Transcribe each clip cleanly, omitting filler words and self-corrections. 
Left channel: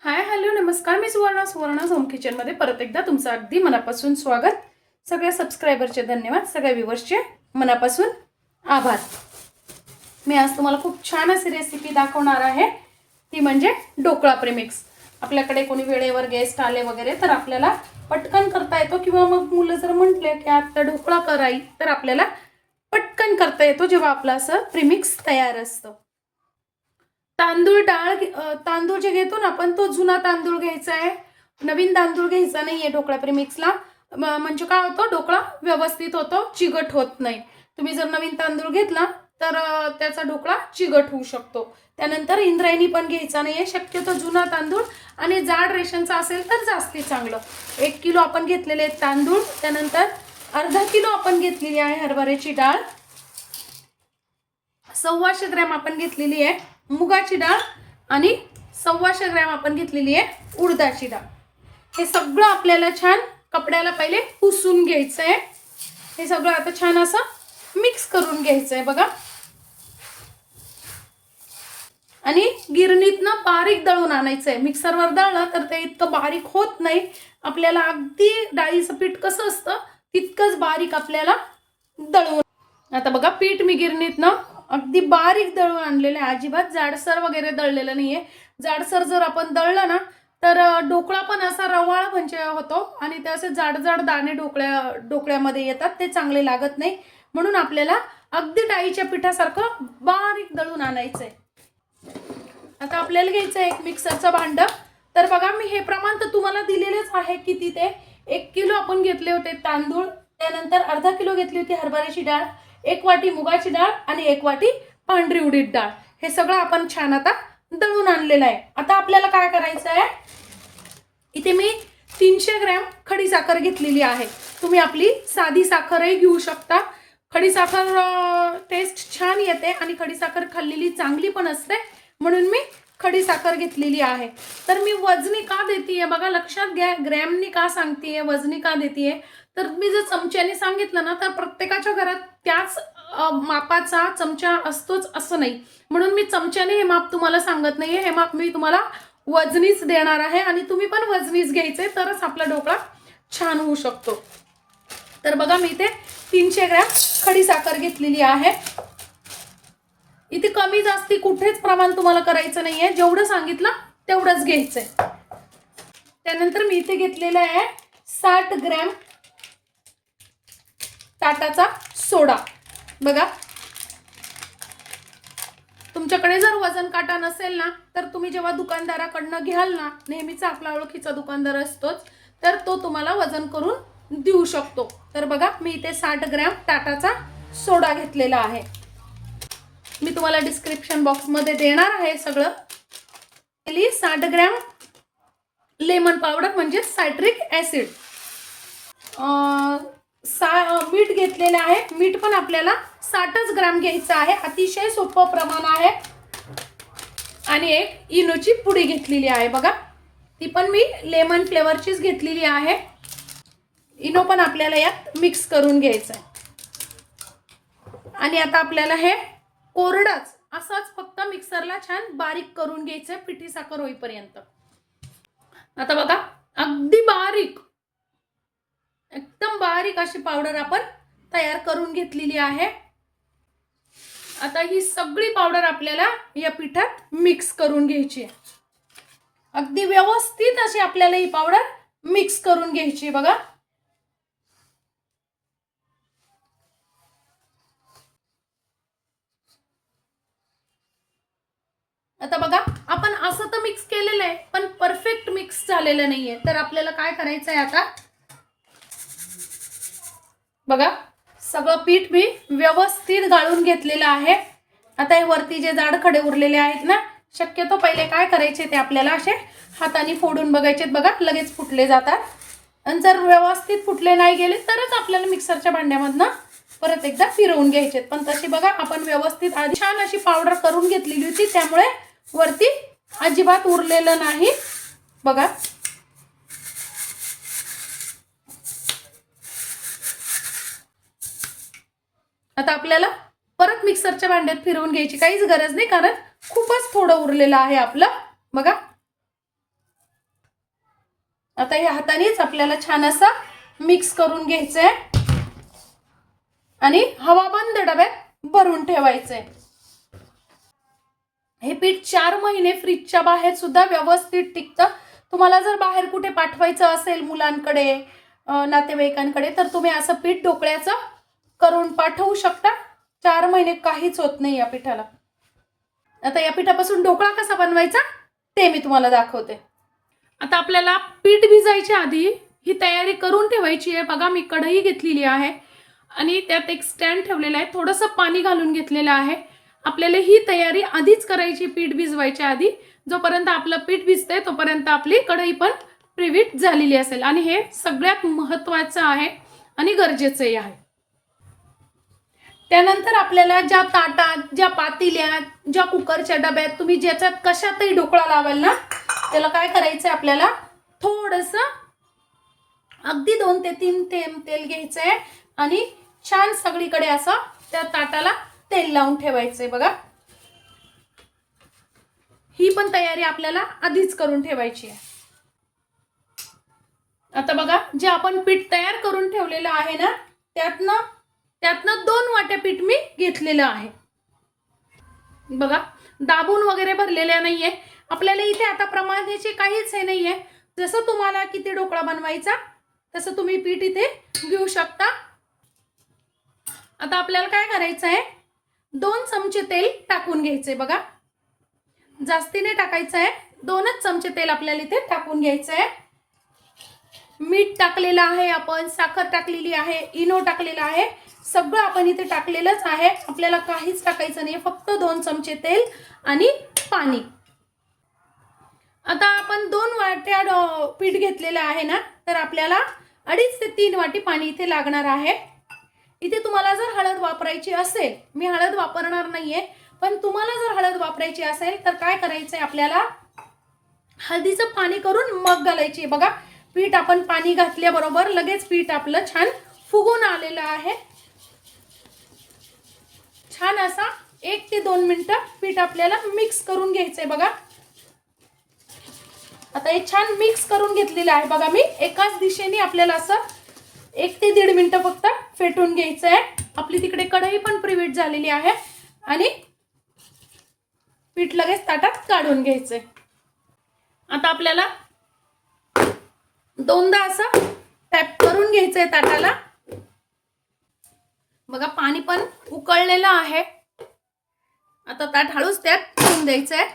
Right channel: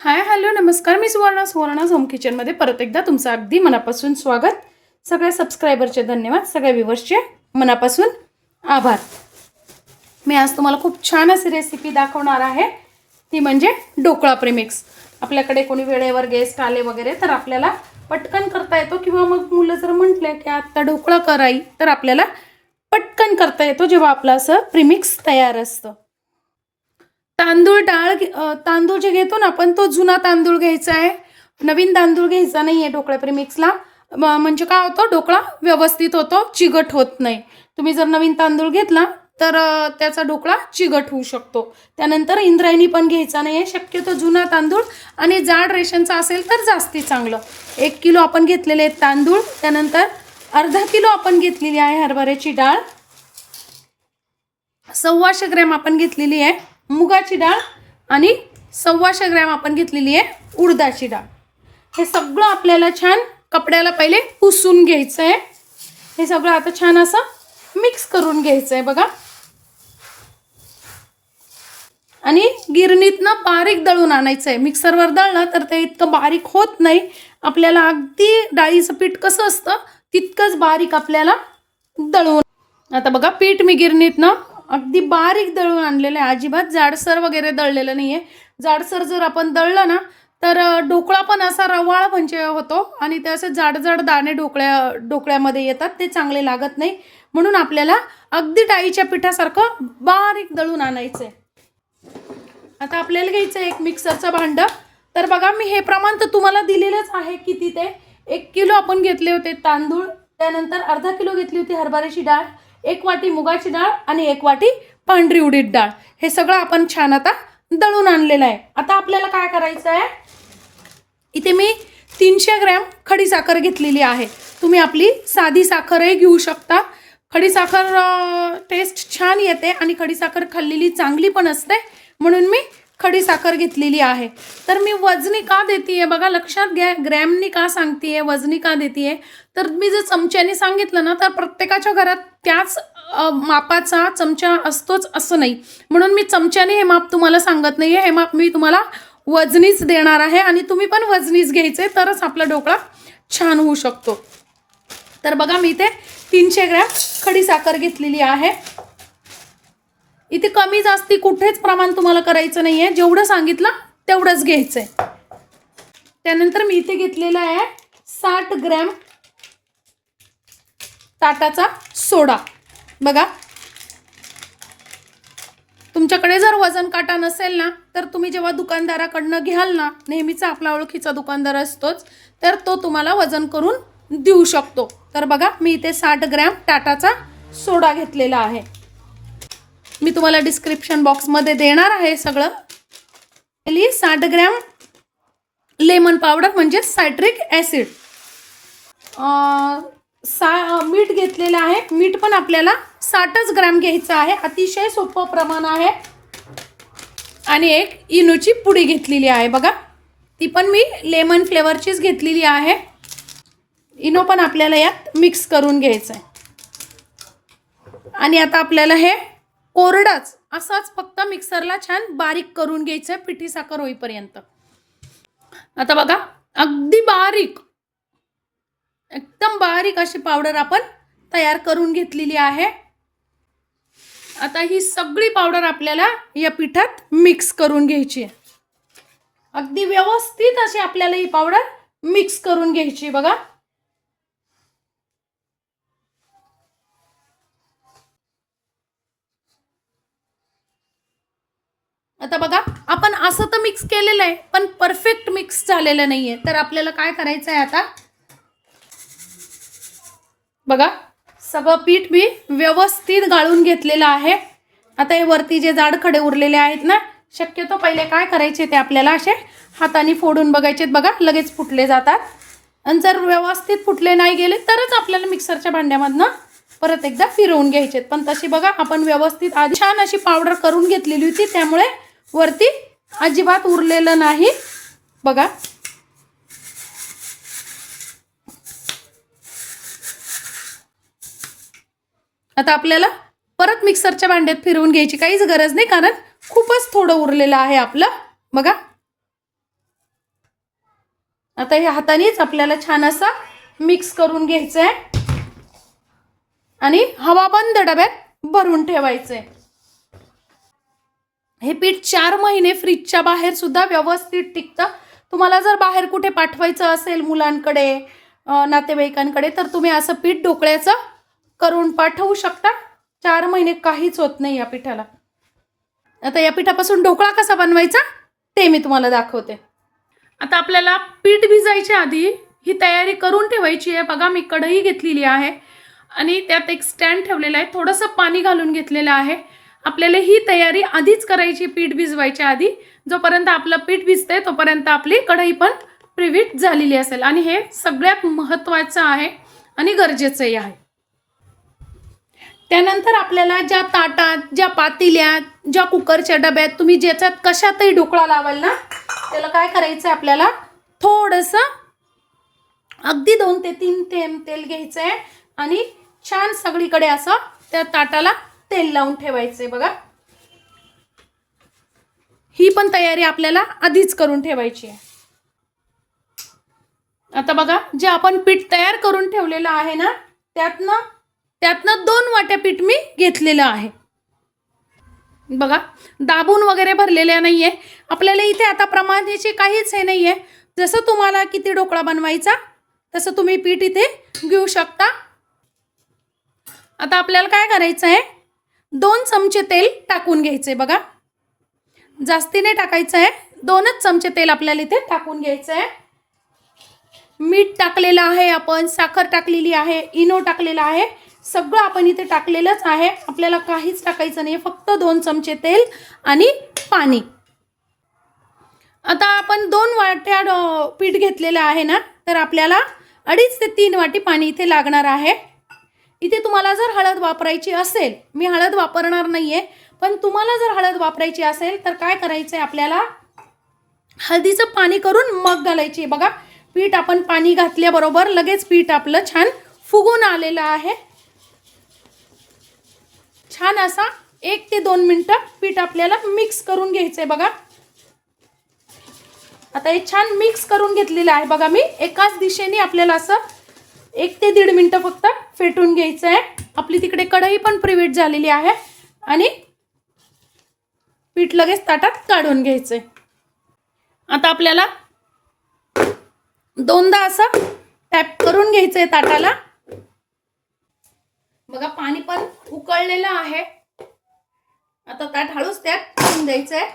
Hi hello नमस्कार. मी Suvarna home किचनमध्ये परत एकदा तुमचं अगदी मनापासून स्वागत. सगळ्या सबस्क्रायबरचे धन्यवाद, सगळ्या व्ह्यूवर्सचे मनापासून आभार. मी आज तुम्हाला खूप छान अशी रेसिपी दाखवणार आहे, ती म्हणजे ढोकळा प्रीमिक्स. आपल्याकडे कोणी वेळेवर गेस्ट आले वगैरे तर आपल्याला पटकन करता येतो, किंवा मग मुलं जर म्हटले की आता ढोकळा कराई तर आपल्याला पटकन करता येतो जेव्हा आपलं असं प्रीमिक्स तयार असतं. तांदूळ जे घेतो ना आपण, तो जुना तांदूळ घ्यायचा आहे, नवीन तांदूळ घ्यायचा नाहीये ढोकळा प्रीमिक्सला. म्हणजे काय होतं, ढोकळा व्यवस्थित होतो, चिगट होत नाही. तुम्ही जर नवीन तांदूळ घेतला तर त्याचा ढोकळा चिगट होऊ शकतो. त्यानंतर इंद्रायणी पण घ्यायचा नाहीये, शक्यतो जुना तांदूळ आणि जाड रेशनचा असेल तर जास्ती चांगलं. 1 किलो आपण घेतलेले आहेत तांदूळ. त्यानंतर अर्धा किलो आपण घेतलेली आहे हरभऱ्याची डाळ. 125 ग्रॅम आपण घेतलेली आहे मुगाची डाळ आणि 125 ग्रॅम आपण घेतलेली आहे उडदाची डाळ. हे सगळं आपल्याला छान कपड्याला पहिले पुसून घ्यायचं आहे. हे सगळं आता छान असं मिक्स करून घ्यायचं आहे बघा. आणि गिरणीतनं बारीक दळून आणायचं आहे. मिक्सरवर दळलं तर ते इतकं बारीक होत नाही. आपल्याला अगदी डाळीचं पीठ कसं असतं तितकंच बारीक आपल्याला दळून. आता बघा, पीठ मी गिरणीतनं अगदी बारीक दळून आणलेलं आहे, अजिबात जाडसर वगैरे दळलेलं नाहीये. जाडसर जर आपण दळलं ना तर ढोकळा पण असा रवाळ म्हणजे होतो आणि ते असे जाड जाड दाणे ढोकळ्यामध्ये येतात, ते चांगले लागत नाही. म्हणून आपल्याला अगदी डाळीच्या पिठासारखं बारीक दळून आणायचंय. आता आपल्याला घ्यायचं एक मिक्सरचं भांडं. तर बघा, मी हे प्रमाण तर तुम्हाला दिलेलंच आहे किती ते. 1 किलो आपण घेतले होते तांदूळ, त्यानंतर अर्धा किलो घेतली होती हरभऱ्याची डाळ, 1 वाटी मुगाची डाळ आणि 1 वाटी पांढरी उडीद डाळ. हे सगळं आपण छान आता दळून आणलेलं आहे. आता आपल्याला काय करायचं आहे, इथे मी 300 ग्रॅम खडी साखर घेतलेली आहे. तुम्ही आपली साधी साखरही घेऊ शकता. खडी साखर टेस्ट छान येते आणि खडी साखर खाल्लेली चांगली पण असते, म्हणून मी खडी साखर घेतलेली आहे. तर मी वजनी का देतीये बघा, लक्षात घ्या. ग्रॅमनी का सांगतेय, वजनी का देतीये, तर मी जर चमच्याने सांगितलं ना तर प्रत्येकाच्या घरात त्याच मापाचा चमचा असतोच असं नाही. म्हणून मी चमच्याने हे माप तुम्हाला सांगत नाहीये. हे माप मी तुम्हाला वजनीच देणार आहे आणि तुम्ही पण वजनीच घ्यायचे, तरच आपला ढोकळा छान होऊ शकतो. तर बघा, मी इथे 300 ग्रॅम खडी साखर घेतलेली आहे. इथे कमी जास्ती कुठेच प्रमाण तुम्हाला करायचं नाहीये, जेवढं सांगितलं तेवढंच घ्यायचंय. त्यानंतर मी इथे घेतलेला आहे 60 ग्रॅम ताटाचा सोडा. बघा, तुमच्याकडे जर वजन काटा नसेल ना तर तुम्ही जेव्हा दुकानदाराकडनं घ्याल ना, नेहमीचा आपला ओळखीचा दुकानदार असतोच, तर तो तुम्हाला वजन करून देऊ शकतो. तर बघा, मी इथे 60 ग्रॅम टाटाचा सोडा घेतलेला आहे. मी तुम्हाला डिस्क्रिप्शन बॉक्समध्ये देणार आहे सगळं. 60 ग्रॅम लेमन पावडर म्हणजे सायट्रिक ॲसिड. मीठ घेतलेलं आहे. मीठ पण आपल्याला 60 ग्रॅम घ्यायचं आहे, अतिशय सोपं प्रमाण आहे. आणि एक इनोची पुडी घेतलेली आहे बघा, ती पण मी लेमन फ्लेवरचीच घेतलेली आहे. इनो पण आपल्याला यात मिक्स करून घ्यायचं आहे. आणि आता आपल्याला हे कोरडाच असाच फक्त मिक्सरला छान बारीक करून घ्यायचं आहे, पिठी साखर होईपर्यंत. आता बघा, अगदी बारीक, एकदम बारीक अशी पावडर आपण तयार करून घेतलेली आहे. आता ही सगळी पावडर आपल्याला या पिठात मिक्स करून घ्यायची आहे. अगदी व्यवस्थित अशी आपल्याला ही पावडर मिक्स करून घ्यायची बघा. आता बघा, आपण असं तर मिक्स केलेलं आहे पण परफेक्ट मिक्स झालेलं नाहीये. तर आपल्याला काय करायचं आहे, आता बघा, सगळं पीठ मी व्यवस्थित गाळून घेतलेलं आहे. आता हे वरती जे जाड खडे उरलेले आहेत ना, शक्यतो पहिले काय करायचे ते आपल्याला असे हाताने फोडून बघायचे. बघा, लगेच फुटले जातात. आणि जर व्यवस्थित फुटले नाही गेले तरच आपल्याला मिक्सरच्या भांड्यामधनं परत एकदा फिरवून घ्यायचे. पण तशी बघा, आपण व्यवस्थित आधी छान अशी पावडर करून घेतलेली होती, त्यामुळे वरती अजिबात उरलेलं नाही बघा. आता आपल्याला परत मिक्सरच्या भांड्यात फिरवून घ्यायची काहीच गरज नाही, कारण खूपच थोडं उरलेलं आहे आपलं बघा. आता हे हातानेच आपल्याला छान असा मिक्स करून घ्यायचं आहे आणि हवा बंद डब्यात भरून ठेवायचं आहे. हे पीठ 4 महिने फ्रीजच्या बाहेर सुद्धा व्यवस्थित टिकतं. तुम्हाला जर बाहेर कुठे पाठवायचं असेल मुलांकडे, नातेवाईकांकडे, तर तुम्ही असं पीठ ढोकळ्याचं करून पाठवू शकता. 4 महिने काहीच होत नाही या पिठाला. आता या पिठापासून ढोकळा कसा बनवायचा ते मी तुम्हाला दाखवते. आता आपल्याला पीठ भिजायच्या आधी ही तयारी करून ठेवायची आहे. बघा मी कढई घेतलेली आहे आणि त्यात एक स्टँड ठेवलेला आहे, थोडंसं पाणी घालून घेतलेलं आहे. आपल्याला ही तयारी आधीच करायची पीठ भिजवायच्या आधी. जोपर्यंत आपलं पीठ भिजतंय तोपर्यंत आपली कढई पण प्रीहीट झालेली असेल आणि हे सगळ्यात महत्त्वाचं आहे आणि गरजेचंही आहे. त्यानंतर आपल्याला ज्या ताटात, ज्या पातेल्यात, ज्या कुकरच्या डब्यात तुम्ही ज्याच्यात कशातही ढोकळा लावाल ना, त्याला काय करायचं आहे, आपल्याला थोडंसं अगदी 2 ते 3 थेंब तेल घ्यायचं आहे आणि छान सगळीकडे असं त्या ताटाला तेल लावून ठेवायचंय. बघा ही पण तयारी आपल्याला आधीच करून ठेवायची आहे. आता बघा जे आपण पीठ तयार करून ठेवलेलं आहे ना, त्यातनं 2 वाट्या पीठ मी घेतलेलं आहे. बघा दाबून वगैरे भरलेल्या नाहीये. आपल्याला इथे आता प्रमाणाचे काहीच हे नाहीये. जसं तुम्हाला किती ढोकळा बनवायचा तसं तुम्ही पीठ इथे घेऊ शकता. आता आपल्याला काय करायचं आहे, 2 चमचे तेल टाकून घ्यायचे. बघा जास्ती नाही टाकायचं आहे, 2च चमचे तेल आपल्याला इथे टाकून घ्यायचं आहे. मीठ टाकलेलं आहे, आपण साखर टाकलेली आहे, इनो टाकलेला आहे, सगळं आपण इथे टाकलेलंच आहे. आपल्याला काहीच टाकायचं नाही, फक्त 2 चमचे तेल आणि पाणी. आता आपण 2 वाट्या पीठ घेतलेलं आहे ना, तर आपल्याला 2.5 ते 3 वाटी पाणी इथे लागणार आहे. इथे तुम्हाला जर हळद वापरायची असेल, मी हळद वापरणार नाहीये, पण तुम्हाला जर हळद वापरायची असेल तर काय करायचं आहे, आपल्याला हळदीचं पाणी करून मग घालायची. बघा पीठ आपण पाणी घातल्याबरोबर लगेच पीठ आपलं छान फुगून आलेलं आहे. छान असा 1 ते 2 मिनिटं पीठ आपल्याला मिक्स करून घ्यायचंय. बघा आता हे छान मिक्स करून घेतलेलं आहे. बघा मी एकाच दिशेने आपल्याला असं 1 ते 1.5 मिनिटं फक्त फेटून घ्यायचं आहे. आपली तिकडे कढई पण प्रीहीट झालेली आहे आणि पीठ लगेच ताटात काढून घ्यायचंय. आता आपल्याला 2दा असं टॅप करून घ्यायचंय ताटाला. बघा पाणी पण उकळलेलं आहे. आता ताट हळूच त्यात ठेवून द्यायचंय.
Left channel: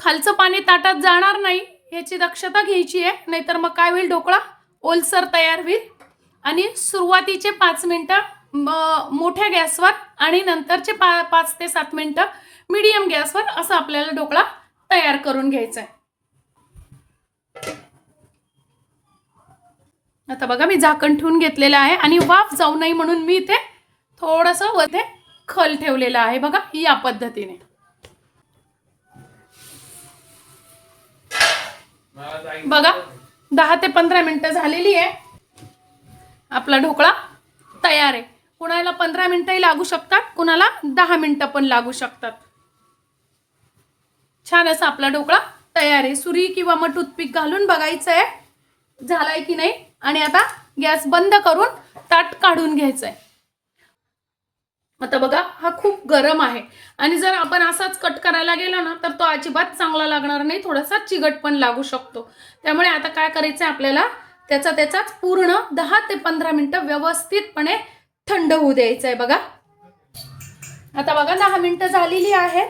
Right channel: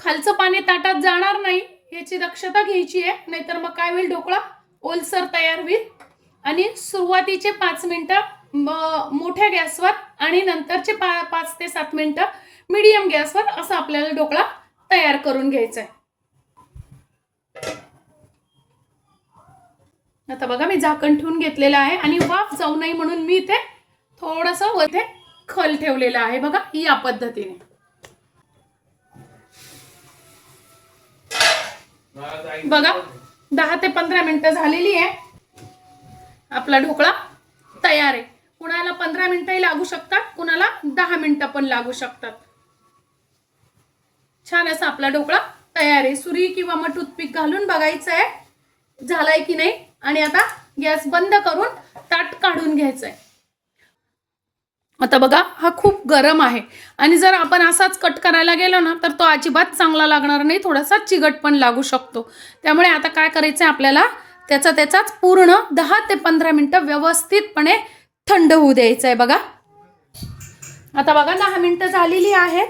खालचं पाणी ताटात जाणार नाही याची दक्षता घ्यायची आहे, नाहीतर मग काय होईल, ढोकळा ओलसर तयार होईल. आणि सुरुवातीचे 5 मिनिटं मोठ्या गॅसवर आणि नंतरचे 5 ते 7 मिनिटं मीडियम गॅसवर असं आपल्याला ढोकळा तयार करून घ्यायचा आहे. आता बघा मी झाकण ठेवून घेतलेलं आहे आणि वाफ जाऊ नये म्हणून मी इथे थोडंसं वरती खल ठेवलेलं आहे. बघा या पद्धतीने. बघा 10 ते 15 मिनिटं झालेली आहे. आपला ढोकळा तयार आहे. कुणाला 15 मिनिटंही लागू शकतात, कुणाला 10 मिनिटं पण लागू शकतात. छान असा आपला ढोकळा तयार आहे. सुरी किंवा मग टूथपिक घालून बघायचं आहे झालाय की नाही आणि आता गॅस बंद करून ताट काढून घ्यायचंय. आता बघा हा खूप गरम आहे आणि जर आपण असाच कट करायला गेलो ना तर तो अजिबात चांगला लागणार नाही, थोडासा चिकट पण लागू शकतो. त्यामुळे आता काय करायचंय, आपल्याला त्याचाच पूर्ण 10 ते 15 मिनिटं व्यवस्थितपणे थंड होऊ द्यायचं आहे. बघा आता बघा 10 मिनिटं झालेली आहेत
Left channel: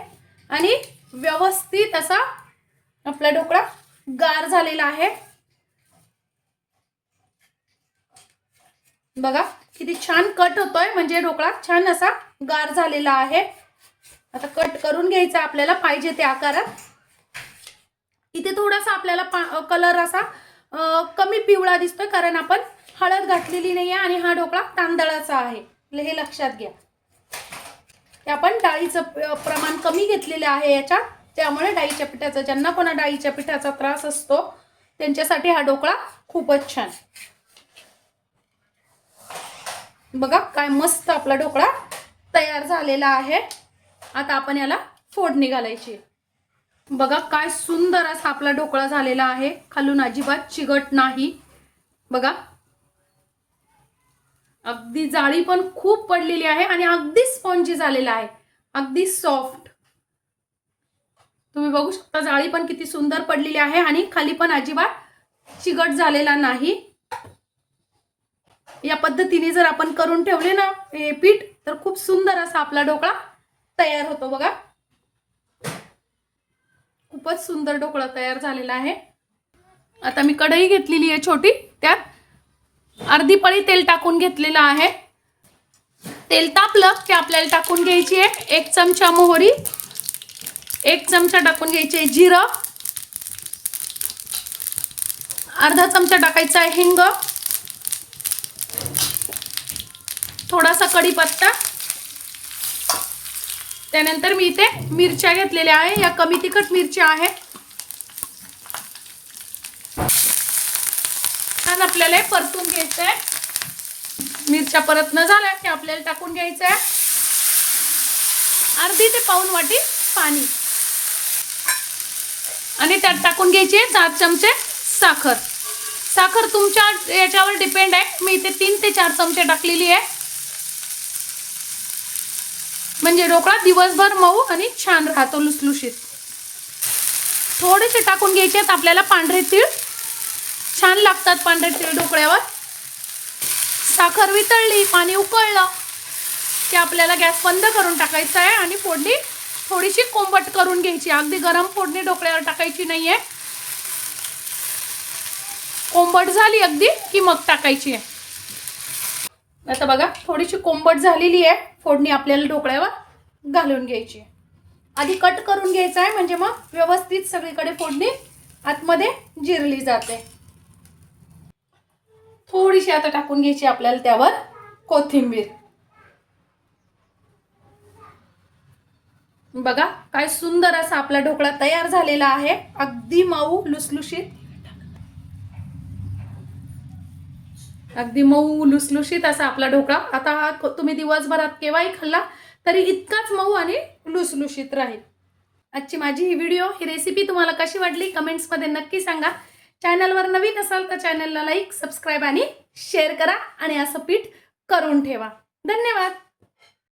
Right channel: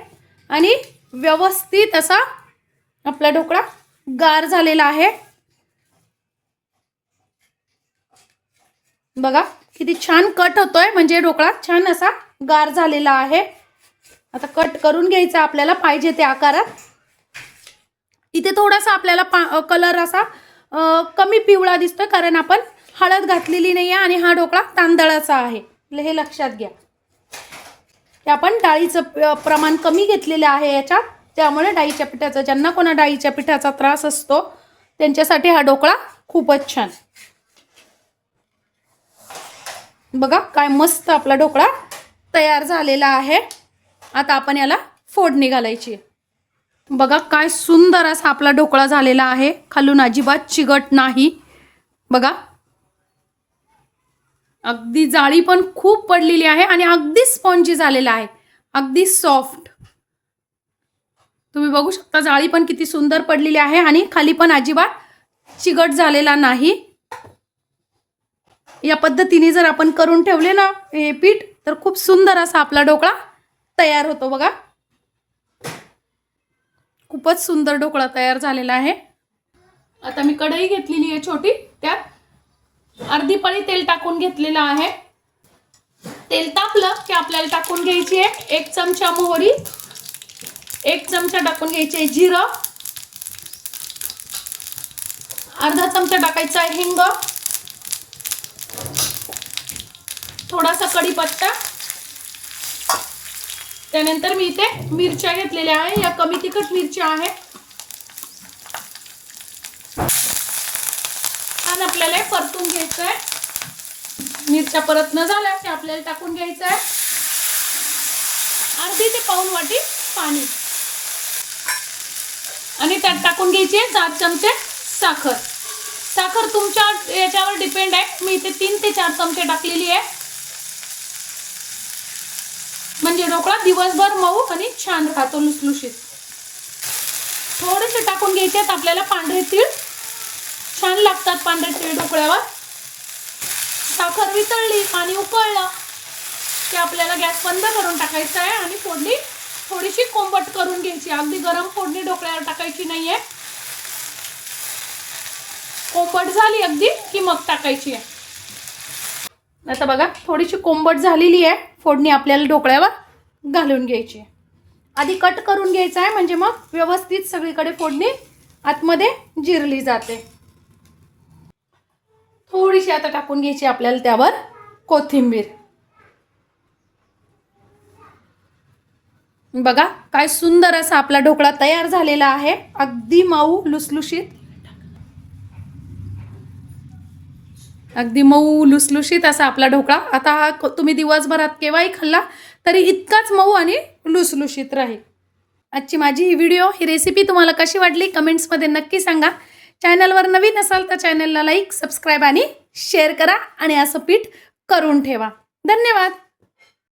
आणि व्यवस्थित असा आपला ढोकळा गार झालेला आहे. बघा किती छान कट होतोय, म्हणजे ढोकळा छान असा गार झालेला आहे. आता कट करून घ्यायचा आपल्याला पाहिजे त्या आकारात. इथे थोडासा आपल्याला कलर असा कमी पिवळा दिसतोय कारण आपण हळद घातलेली नाही आहे आणि हा ढोकळा तांदळाचा आहे, हे लक्षात घ्या. ते आपण डाळीचं प्रमाण कमी घेतलेलं आहे याच्यात, त्यामुळे डाळीच्या पिठाचा, ज्यांना कोणा डाळीच्या पिठाचा त्रास असतो त्यांच्यासाठी हा ढोकळा खूपच छान. बघा काय मस्त आपला ढोकळा तयार झालेला आहे. आता आपण याला फोडणी घालायची. बघा काय सुंदर असा आपला ढोकळा झालेला आहे, खालून अजिबात चिकट नाही. बघा अगदी जाळी पण खूप पडलेली आहे आणि अगदी स्पॉन्जी झालेला आहे, अगदी सॉफ्ट. तुम्ही बघू शकता जाळी पण किती सुंदर पडलेली आहे आणि खाली पण अजिबात चिकट झालेला नाही. या पद्धतीने जर आपण करून ठेवले ना हे पीठ, तर खूप सुंदर असा आपला ढोकळा तयार होतो. बघा खूपच सुंदर ढोकळा तयार झालेला आहे. आता मी कढई घेतलेली आहे छोटी, त्यात अर्धी पळी तेल टाकून घेतलेलं आहे. तेल तापलं की आपल्याला टाकून घ्यायची आहे 1 चमचा मोहरी, 1 चमचा टाकून घ्यायचे जिरं, अर्धा चमचा टाकायचा आहे हिंग, थोडासा कढीपत्ता. त्यानंतर मी इथे मिरच्या घेतलेल्या आहे, या कमी तिखट मिरच्या आहेत. छान आपल्याला परतून घ्यायचंय. मिरच्या परतन झाल्या की आपल्याला टाकून घ्यायचं आहे अर्धी ते पाऊण वाटी पाणी आणि त्यात टाकून घ्यायची 4 चमचे साखर. साखर तुमच्या याच्यावर डिपेंड आहे, मी इथे 3 ते 4 चमचे टाकलेली आहे, म्हणजे ढोकळा दिवसभर मऊ आणि छान राहतो लुसलुशीत. थोडेसे टाकून घ्यायचे आहेत आपल्याला पांढरे तीळ, छान लागतात पांढरे तीळ ढोकळ्यावर. साखर वितळली, पाणी उकळलं की आपल्याला गॅस बंद करून टाकायचा आहे आणि फोडणी थोडीशी कोंबट करून घ्यायची. अगदी गरम फोडणी ढोकळ्यावर टाकायची नाहीये, कोंबट झाली अगदी की मग टाकायची आहे. आता बघा थोडीशी कोंबट झालेली आहे, फोडणी आपल्याला ढोकळ्यावर घालून घ्यायची आहे. आधी कट करून घ्यायचं आहे, म्हणजे मग व्यवस्थित सगळीकडे फोडणी आतमध्ये जिरली जाते. थोडीशी आता टाकून घ्यायची आपल्याला त्यावर कोथिंबीर. बघा काय सुंदर असा आपला ढोकळा तयार झालेला आहे, अगदी मऊ लुसलुशीत, अगदी मऊ लुसलुशीत असा आपला ढोकळा. आता हा तुम्ही दिवसभरात केव्हाही खाल्ला तरी इतकाच मऊ आणि लुसलुशीत राहील. आजची माझी ही व्हिडिओ ही रेसिपी तुम्हाला कशी वाटली कमेंट्समध्ये नक्की सांगा. चॅनलवर नवीन असाल तर चॅनलला लाईक, सबस्क्राईब आणि शेअर करा आणि असं पीठ करून ठेवा. धन्यवाद.